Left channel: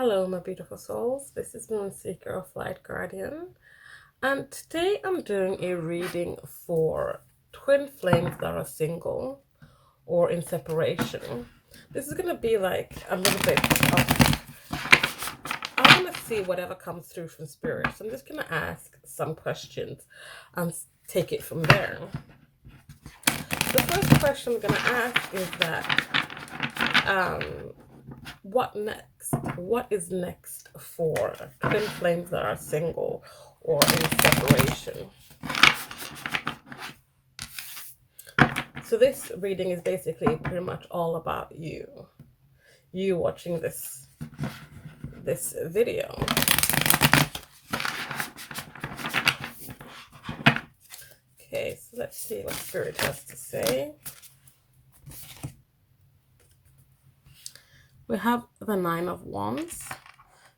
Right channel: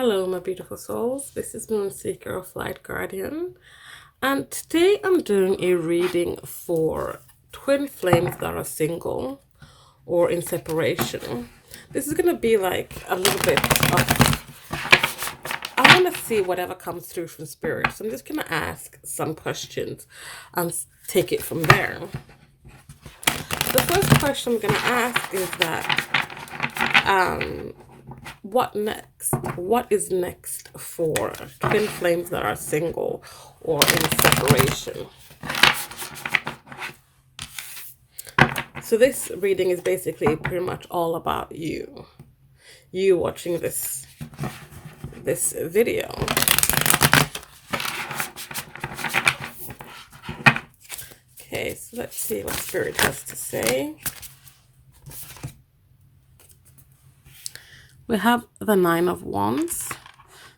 Hello, my beautiful souls. This is Moonseeker of Light Guardian, and today I'm doing a reading for twin flames that are single or in separation. This is going to be like a little bit of, I want to see whatever comes through from spirit. So I'm just going to ask some questions and take it from there. The first question I'm going to ask is what next? What is next for twin flames that are single or in separation? So this reading is basically pretty much all about you watching this video. Okay, so let's see what spirit has to say. We have the Nine of Wands.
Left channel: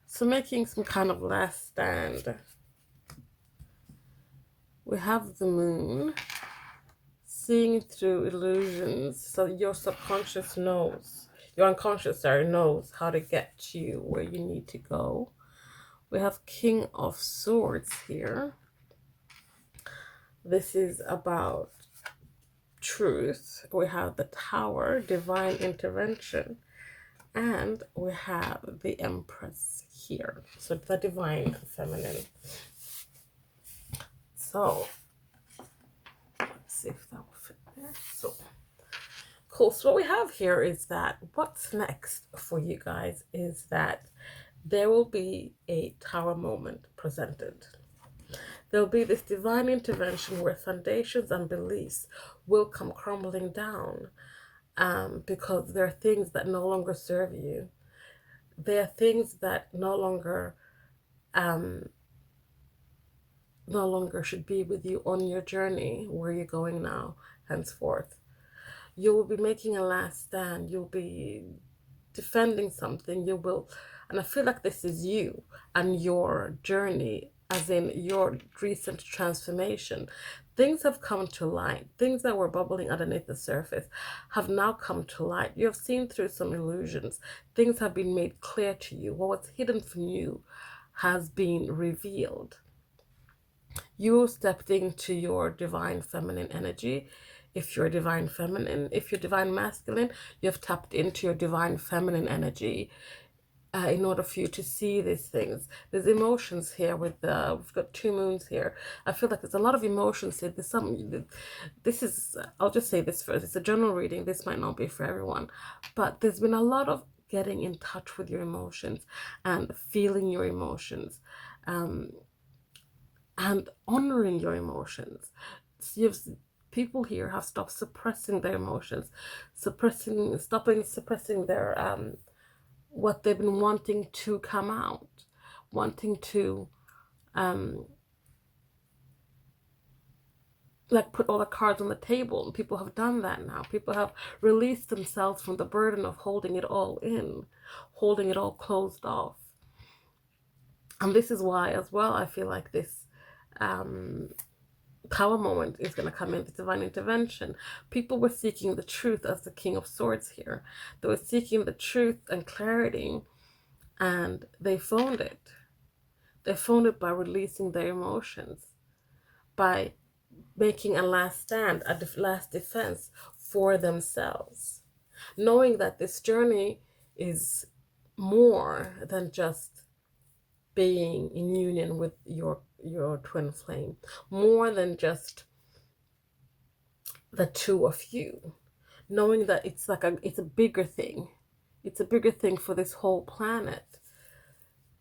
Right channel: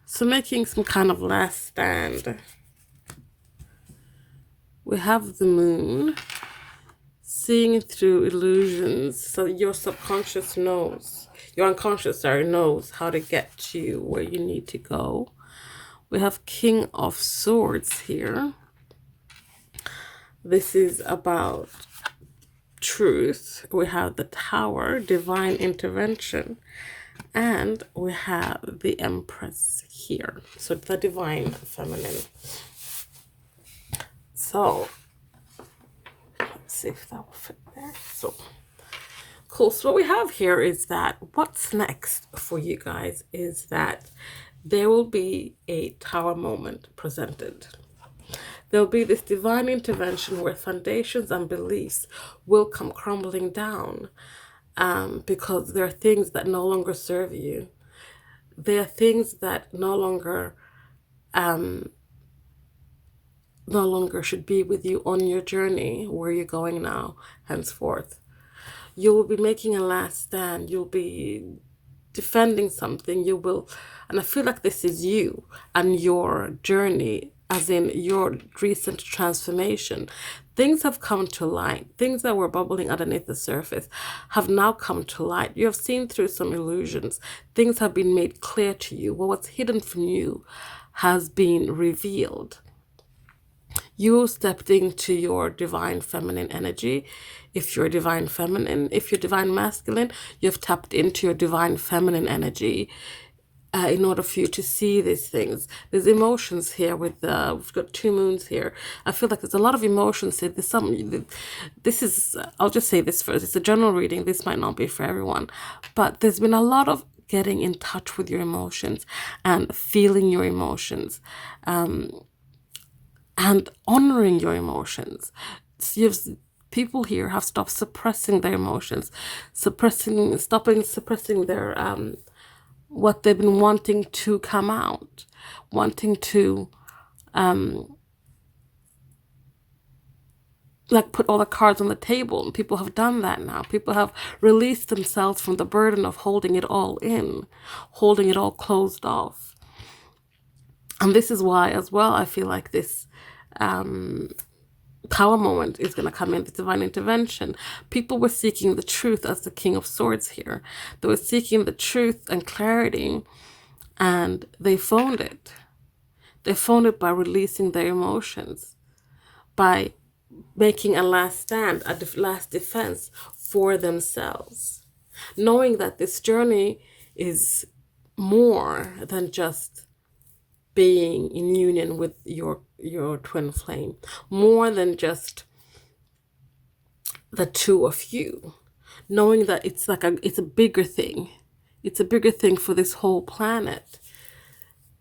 So making some kind of last stand. We have the Moon. Seeing through illusions. So your subconscious knows, your unconscious, knows how to get you where you need to go. We have King of Swords here. This is about truth. We have the Tower, divine intervention. And we have the Empress here. So the divine feminine. So let's see if that will fit there. So cool. So what we have here is that what's next for you guys is that there will be a tower moment presented. There will be this divine intervention where foundations and beliefs will come crumbling down. Because there are things that no longer serve you. There are things that no longer should be with you on your journey, where you're going now, henceforth. You will be making a last stand. You'll be defending something. You will, and I feel like this is you and your journey, as in your recent transformation. Things have come to light. Things that were bubbling underneath the surface have now come to light. You have seen through some illusions. Things have been made clear to you. What was hidden from you has been revealed. You stepped into your divine feminine energy. If you're divine feminine, if you're divine masculine, you've tapped into your divine feminine energy. In order for you to see these things. There's emotions here with we've got two moons here. I feel like there's a lot of emotions here. This is, I'll just say this first, it's a general reading. This might not be for everyone, but there's been a lot of getting in touch with your emotions and feeling your emotions, and honoring your emotions. So people here have stopped suppressing their emotions, stopping suppressing their what they've been wanting to come out, wanting to like put all the cards on the table. And people have done that now. People have released themselves from the burden of holding it all in, holding it all closed off. And this is why as well I feel like this power moment is going to come in, the divine intervention. People were seeking the truth as the King of Swords here. They were seeking the truth and clarity, and they found it. They found it by releasing their emotions, by making a last stand, a last defense for themselves, knowing that this journey is more than just being in union with your twin flame, more than just the two of you, knowing that it's like it's a bigger thing. It's a bigger thing for this whole planet.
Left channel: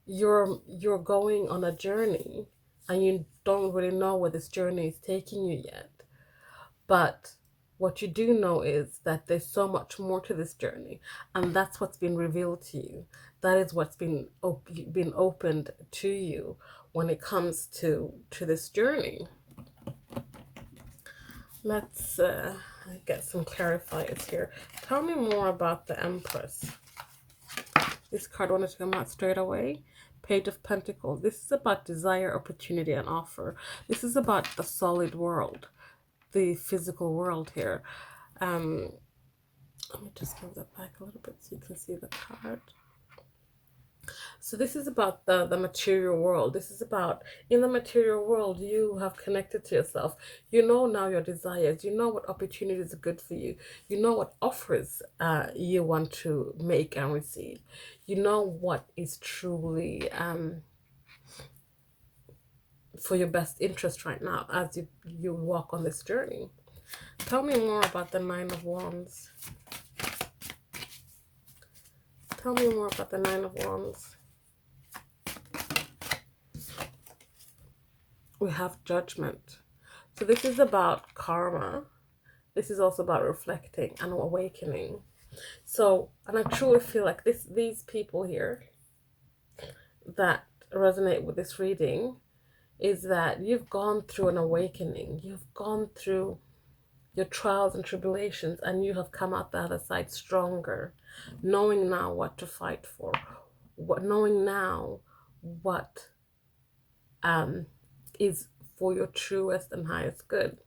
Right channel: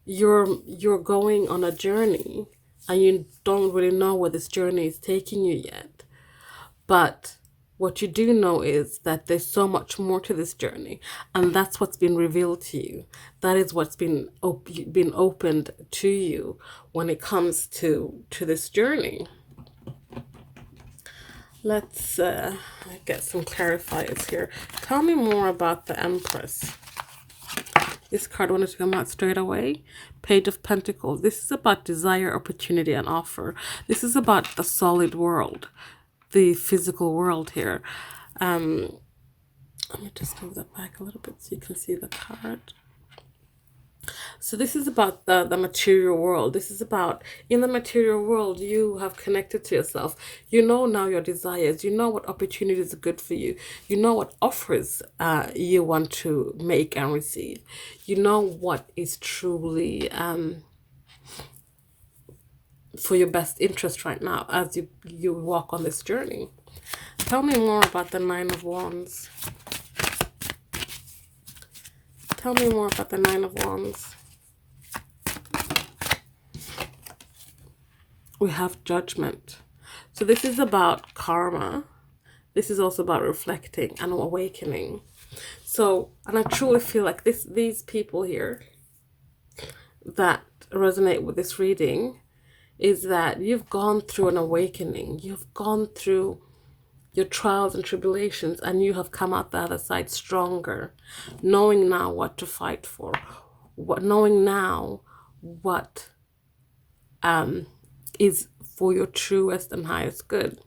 You're going on a journey and you don't really know where this journey is taking you yet. But what you do know is that there's so much more to this journey, and that's what's been revealed to you. That is what's been opened to you when it comes to this journey. Let's get some clarifiers here. Tell me more about the Empress. This card wanted to come out straight away. Page of Pentacles. This is about desire, opportunity, and offer. This is about the solid world, the physical world here. Let me just move that back a little bit so you can see the card. So this is about the material world. This is about, in the material world, you have connected to yourself. You know now your desires. You know what opportunities are good for you. You know what offers you want to make and receive. You know what is truly for your best interest right now as you walk on this journey. Tell me more about the Nine of Wands. Tell me more about the Nine of Wands. We have Judgment. So this is about karma. This is also about reflecting and awakening. So, and I truly feel like these people here that resonate with this reading is that you've gone through an awakening. You've gone through your trials and tribulations, and you have come out the other side stronger, knowing now what to fight for, knowing now what is for your truest and highest good.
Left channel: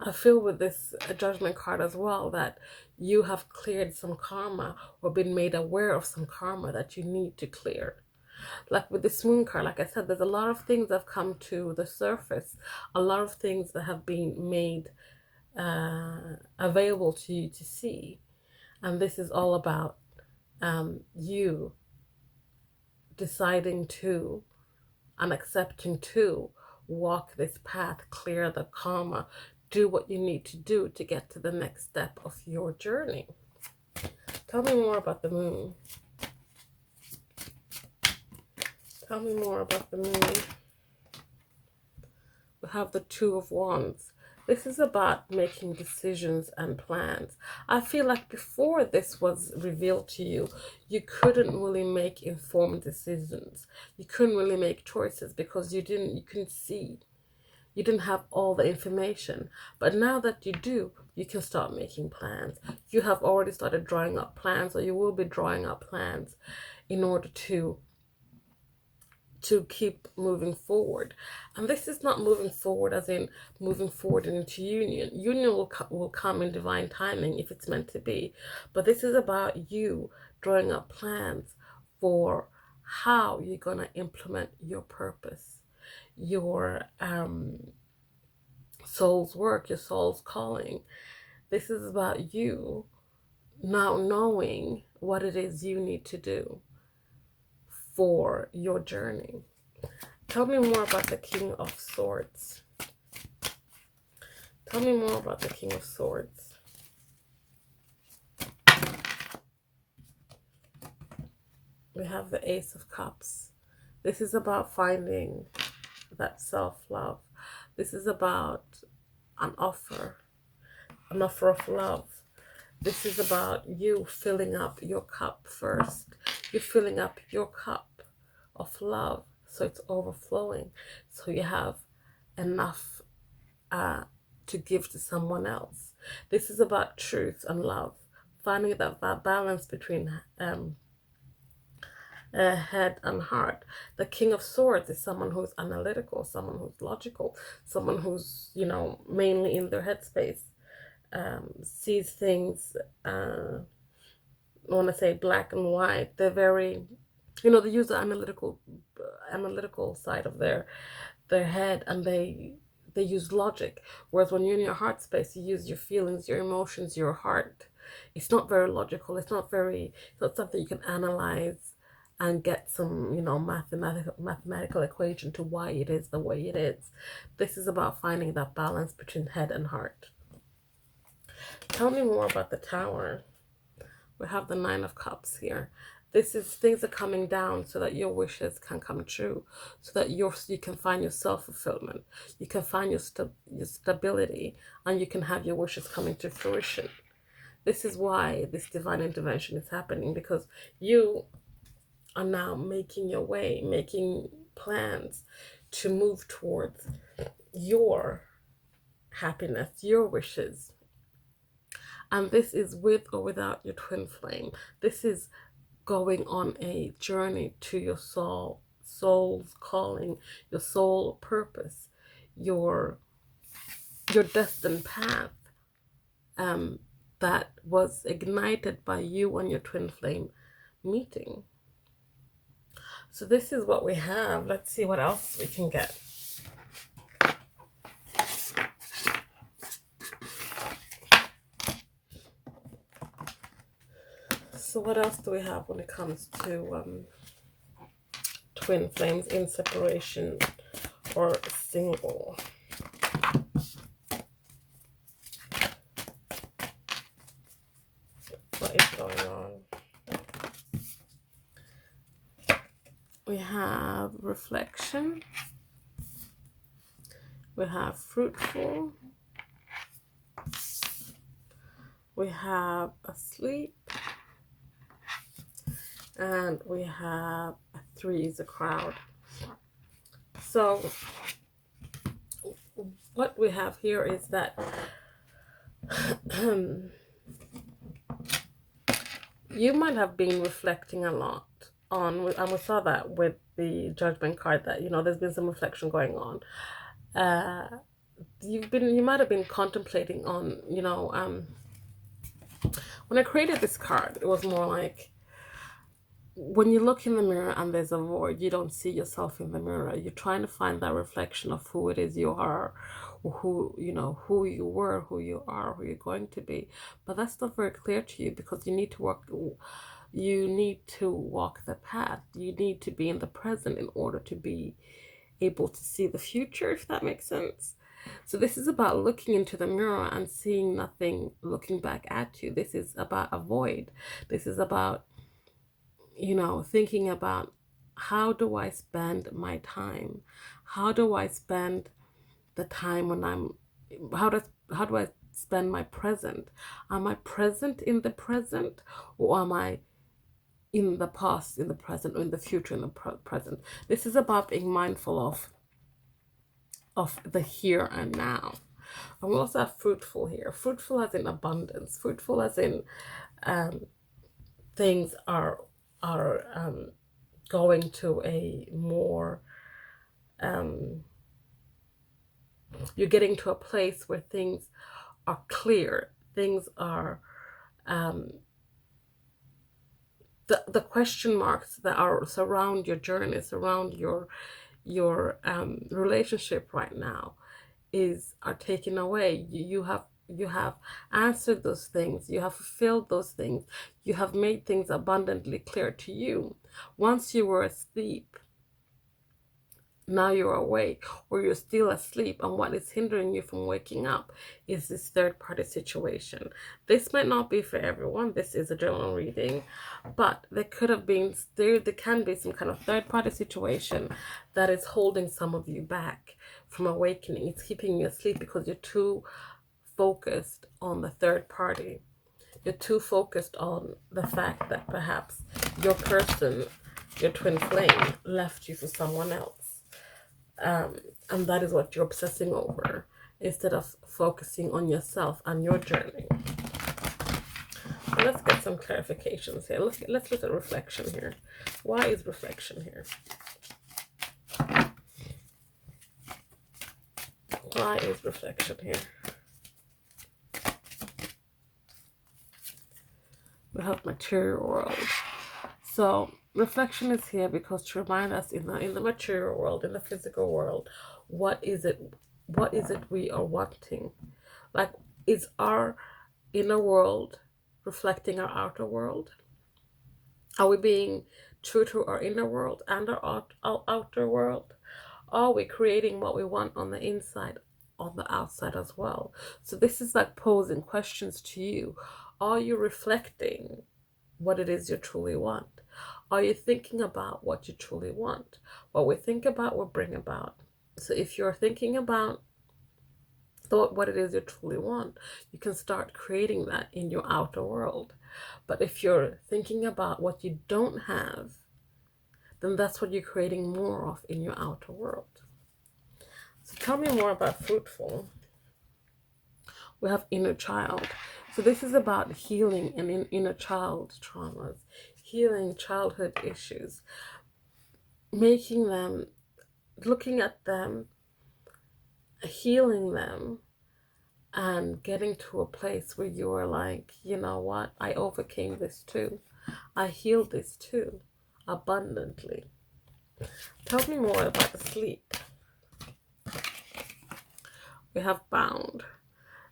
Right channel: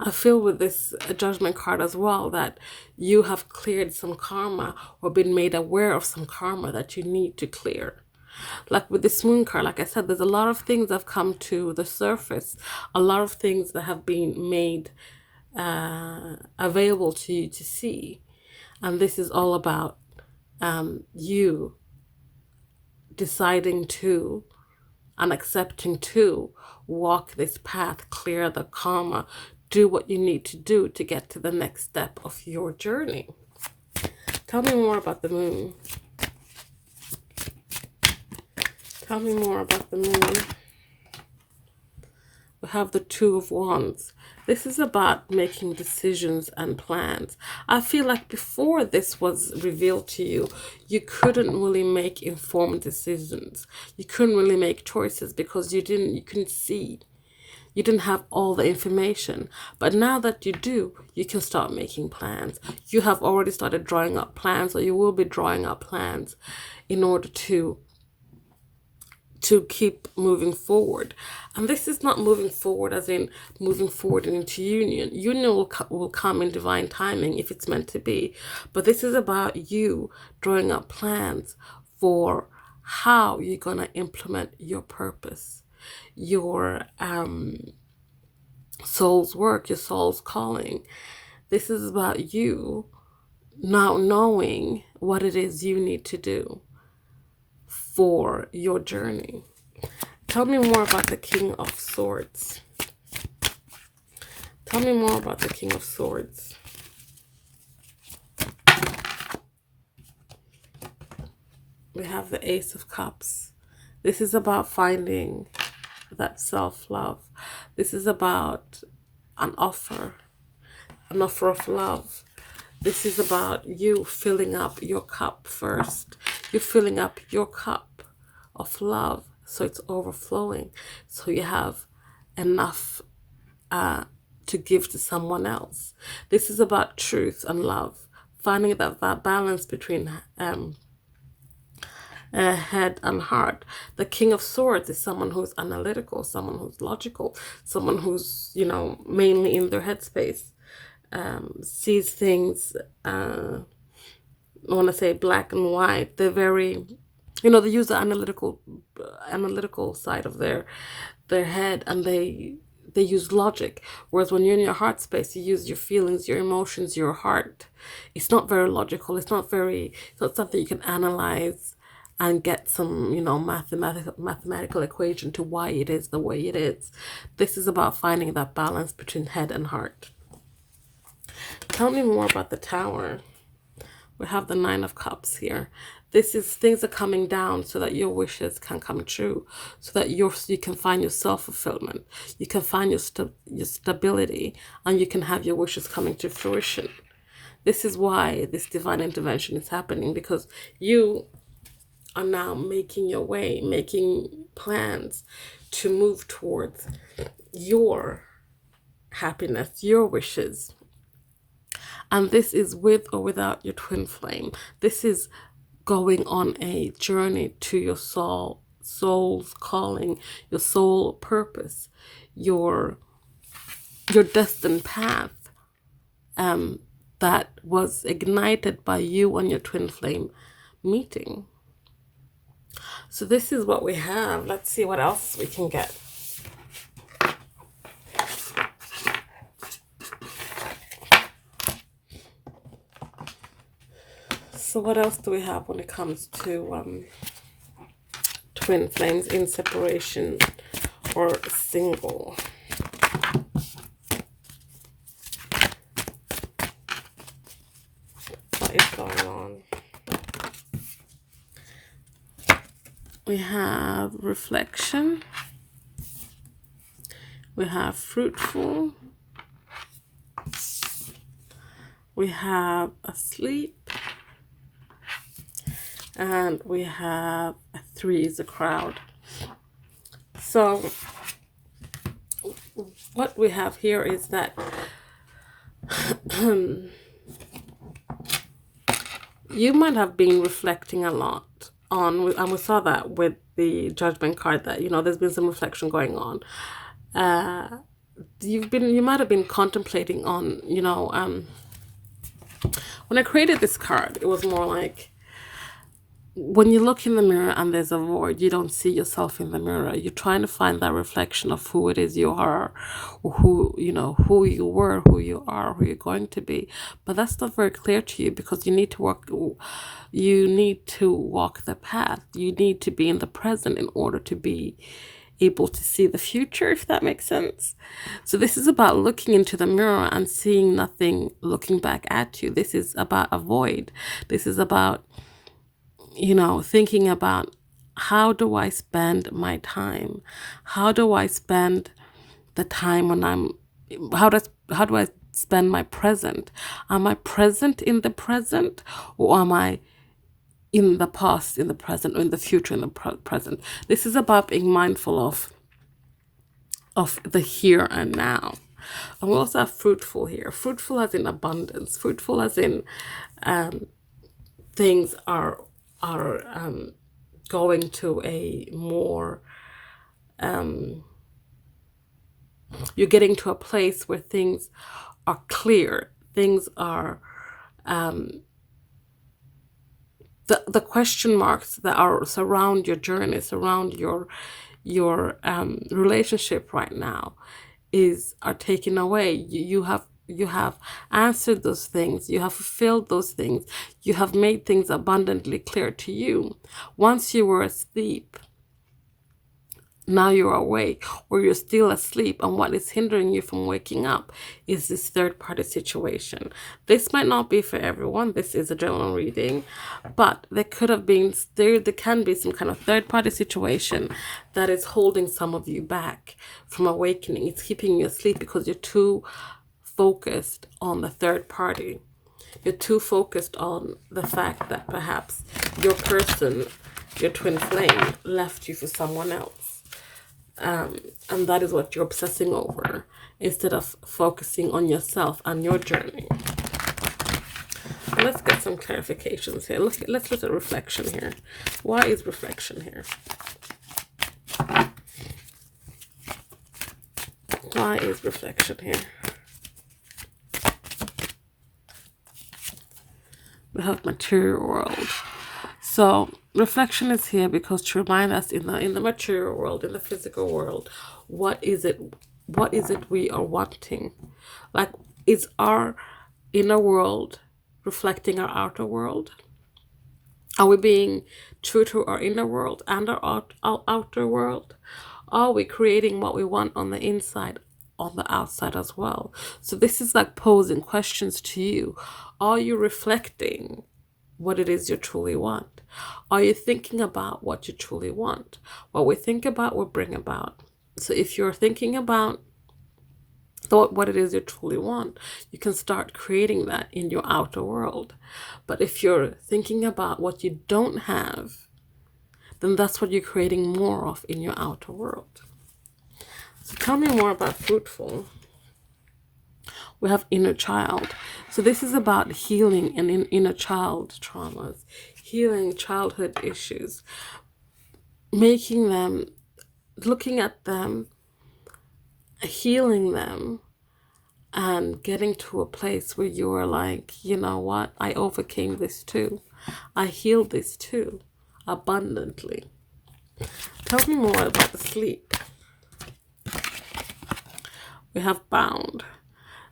I feel with this Judgment card as well that you have cleared some karma or been made aware of some karma that you need to clear. Like with this Moon card, like I said, there's a lot of things that have come to the surface, a lot of things that have been made available to you to see. And this is all about you deciding to and accepting to walk this path, clear the karma, do what you need to do to get to the next step of your journey. Tell me more about the Moon. Tell me more about the Moon. We have the Two of Wands. This is about making decisions and plans. I feel like before this was revealed to you, you couldn't really make informed decisions. You couldn't really make choices because you couldn't see. You didn't have all the information. But now that you do, you can start making plans. You have already started drawing up plans, or you will be drawing up plans in order to keep moving forward. And this is not moving forward as in moving forward into union. Union will come in divine timing if it's meant to be. But this is about you drawing up plans for how you're going to implement your purpose, your soul's work, your soul's calling. This is about you now knowing what it is you need to do for your journey. Tell me more about the King of Swords. Tell me more about the King of Swords. We have the Ace of Cups. This is about finding that self-love. This is about an offer of love. This is about you filling up your cup first. You're filling up your cup of love so it's overflowing, so you have enough to give to someone else. This is about truth and love, finding that balance between head and heart. The King of Swords is someone who's analytical, someone who's logical, someone who's, mainly in their headspace, sees things, I want to say black and white. They're very, they use the analytical side of their head, and they use logic. Whereas when you're in your heart space, you use your feelings, your emotions, your heart. It's not very logical. It's not something you can analyze and get some, mathematical equation to why it is the way it is. This is about finding that balance between head and heart. Tell me more about the Tower. We have the Nine of Cups here. This is things are coming down so that your wishes can come true, so that you can find your self-fulfillment, you can find your stability, and you can have your wishes coming to fruition. This is why this divine intervention is happening, because you are now making your way, making plans to move towards your happiness, your wishes. And this is with or without your twin flame. This is going on a journey to your soul's calling, your soul purpose, your destined path that was ignited by you and your twin flame meeting. So this is what we have. Let's see what else we can get. So what else do we have when it comes to twin flames in separation or single? What is going on? We have reflection. We have fruitful. We have asleep. And we have a 3 is a crowd. So what we have here is that you might have been reflecting a lot on, and we saw that with the judgment card, that, you know, there's been some reflection going on. You might have been contemplating on, you know, when I created this card, it was more like, when you look in the mirror and there's a void, you don't see yourself in the mirror. You're trying to find that reflection of who it is you are, or who, you know, who you were, who you are, who you're going to be. But that's not very clear to you, because you need to walk the path. You need to be in the present in order to be able to see the future, if that makes sense. So this is about looking into the mirror and seeing nothing looking back at you. This is about a void. This is about, you know, thinking about, how do I spend my time? How do I spend the time when how do I spend my present? Am I present in the present, or am I in the past, in the present, or in the future, in the present? This is about being mindful of the here and now. And we also have fruitful here. Fruitful as in abundance. Fruitful as in things are going to a more, you're getting to a place where things are clear. Things are, the question marks that are surround your journey, surround your relationship right now, are taken away. You have answered those things. You have fulfilled those things. You have made things abundantly clear to you. Once you were asleep, now you're awake, or you're still asleep, and what is hindering you from waking up is this third-party situation. This might not be for everyone. This is a general reading, but there can be some kind of third-party situation that is holding some of you back from awakening. It's keeping you asleep because you're too focused on the third party. You're too focused on the fact that perhaps your person, your twin flame, left you for someone else. And that is what you're obsessing over, instead of focusing on yourself and your journey. Let's get some clarifications here. Let's look at reflection here. Why is reflection here? Why is reflection here? We have material world. So reflection is here because to remind us, in the material world, in the physical world, what is it we are wanting? Like, is our inner world reflecting our outer world? Are we being true to our inner world and our outer world? Are we creating what we want on the inside, on the outside as well? So this is like posing questions to you. Are you reflecting what it is you truly want? Are you thinking about what you truly want? What we think about, we bring about. So if you're thinking about what it is you truly want, you can start creating that in your outer world. But if you're thinking about what you don't have, then that's what you're creating more of in your outer world. So tell me more about fruitful. We have inner child. So this is about healing and inner child traumas, healing childhood issues, making them, looking at them, healing them, and getting to a place where you are like, you know what, I overcame this too. I healed this too. abundantly. Tell me more about the sleep. We have bound.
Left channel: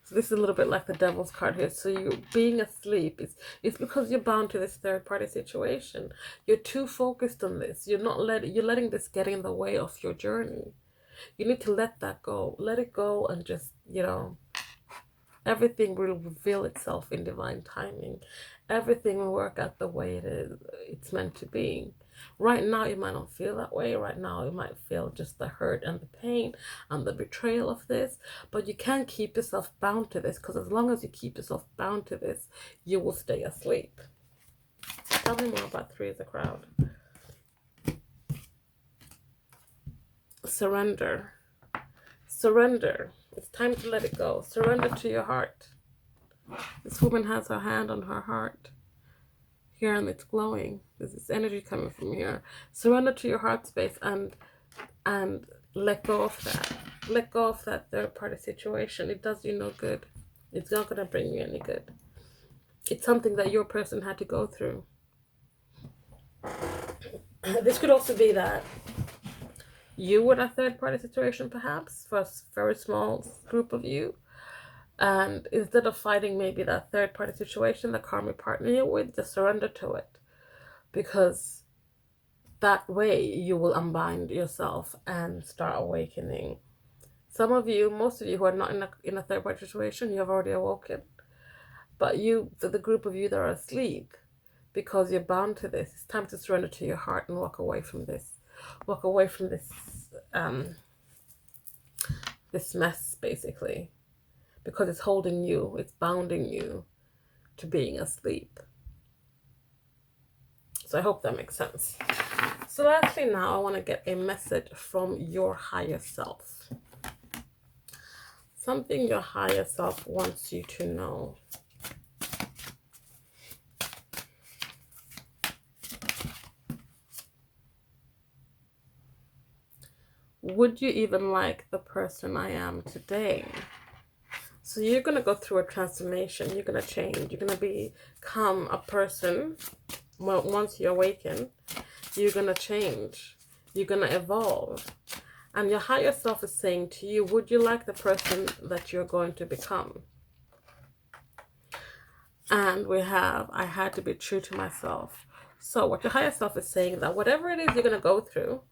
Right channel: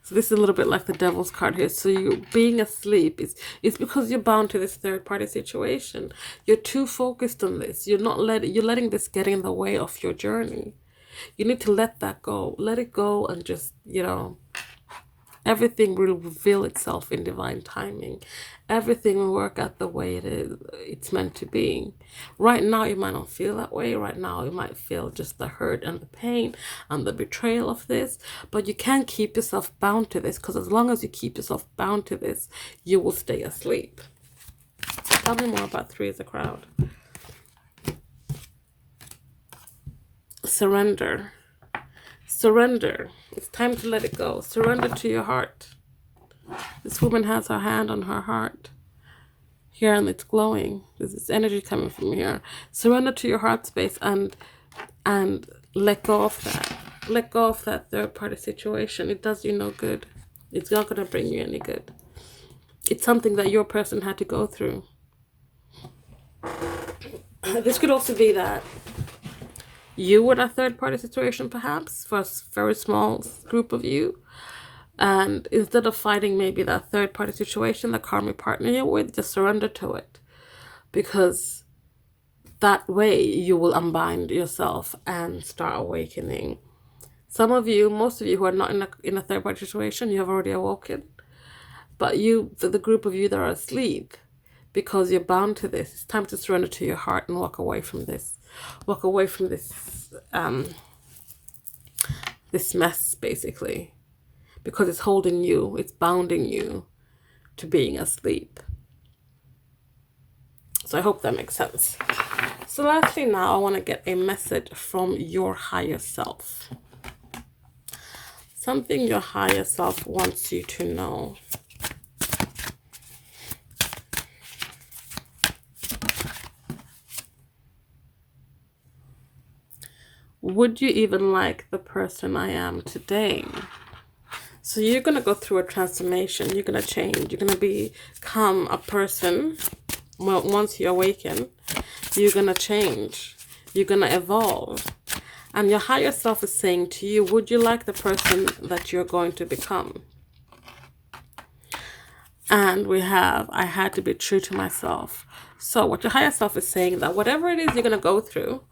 So this is a little bit like the devil's card here. So you being asleep is because you're bound to this third party situation. You're too focused on this. You're letting this get in the way of your journey. You need to let that go. Let it go and just, everything will reveal itself in divine timing. Everything will work out the way it's meant to be. Right now, you might not feel that way. Right now, you might feel just the hurt and the pain and the betrayal of this. But you can't keep yourself bound to this, because as long as you keep yourself bound to this, you will stay asleep. Tell me more about Three of the Crowd. Surrender. Surrender. It's time to let it go. Surrender to your heart. This woman has her hand on her heart here, and it's glowing. There's this energy coming from here. Surrender to your heart space and let go of that. Let go of that third party situation. It does you no good. It's not going to bring you any good. It's something that your person had to go through. This could also be that you were in a third party situation, perhaps, for a very small group of you. And instead of fighting maybe that third party situation, the karmic partner you're with, just surrender to it. Because that way you will unbind yourself and start awakening. Some of you, most of you who are not in a third party situation, you have already awoken. But the group of you that are asleep, because you're bound to this, it's time to surrender to your heart and walk away from this. Walk away from this this mess, basically. Because it's holding you, it's bounding you to being asleep. So I hope that makes sense. So lastly now, I want to get a message from your higher self. Something your higher self wants you to know. Would you even like the person I am today? So you're going to go through a transformation. You're going to change. You're going to become a person. Well, once you awaken, you're going to change. You're going to evolve. And your higher self is saying to you, would you like the person that you're going to become? And we have, I had to be true to myself. So what your higher self is saying, that whatever it is you're going to go through,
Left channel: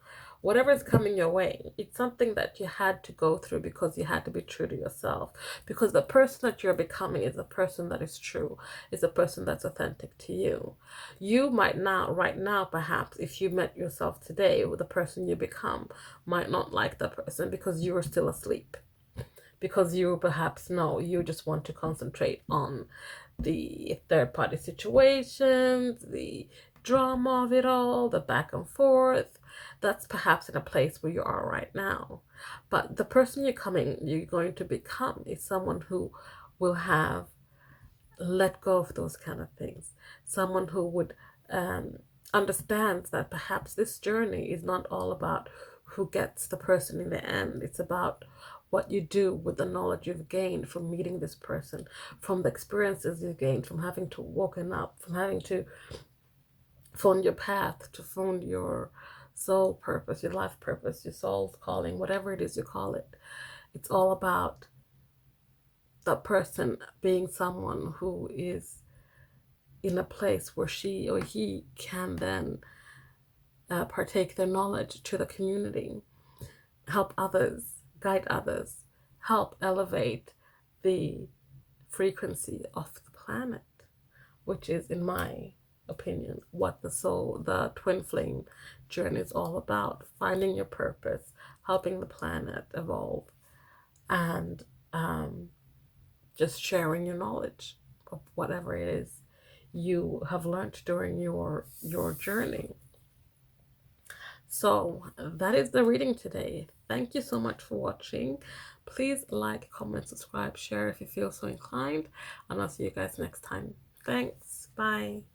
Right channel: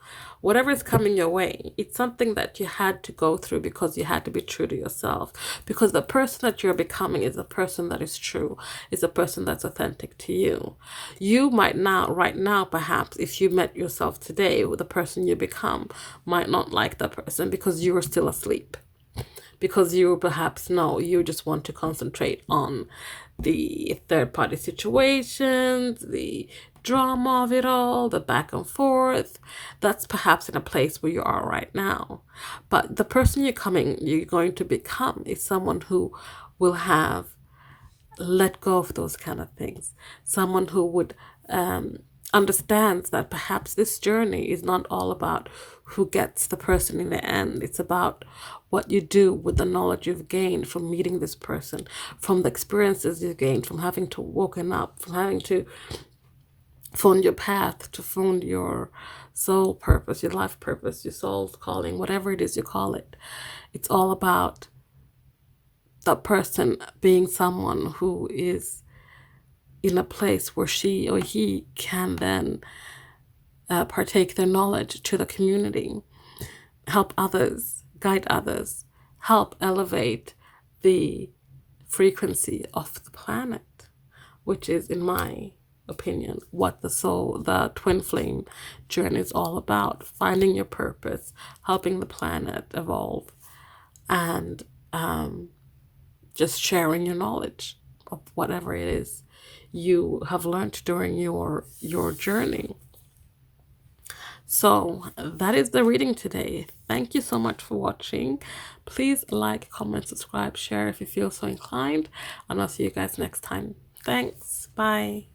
whatever is coming your way, it's something that you had to go through because you had to be true to yourself. Because the person that you're becoming is a person that is true, is a person that's authentic to you. You might not, right now, perhaps, if you met yourself today, the person you become might not like that person because you are still asleep. Because you perhaps know you just want to concentrate on the third party situations, the drama of it all, the back and forth. That's perhaps in a place where you are right now. But the person you're going to become is someone who will have let go of those kind of things. Someone who would understands that perhaps this journey is not all about who gets the person in the end. It's about what you do with the knowledge you've gained from meeting this person, from the experiences you've gained, from having to woken up, from having to find your path, to find your soul purpose, your life purpose, your soul's calling, whatever it is you call it. It's all about that person being someone who is in a place where she or he can then partake their knowledge to the community, help others, guide others, help elevate the frequency of the planet, which is, in my opinion, what the twin flame journey is all about. Finding your purpose, helping the planet evolve, and just sharing your knowledge of whatever it is you have learned during your journey. So that is the reading today. Thank you so much for watching. Please like, comment, subscribe, share if you feel so inclined, and I'll see you guys next time. Thanks. Bye.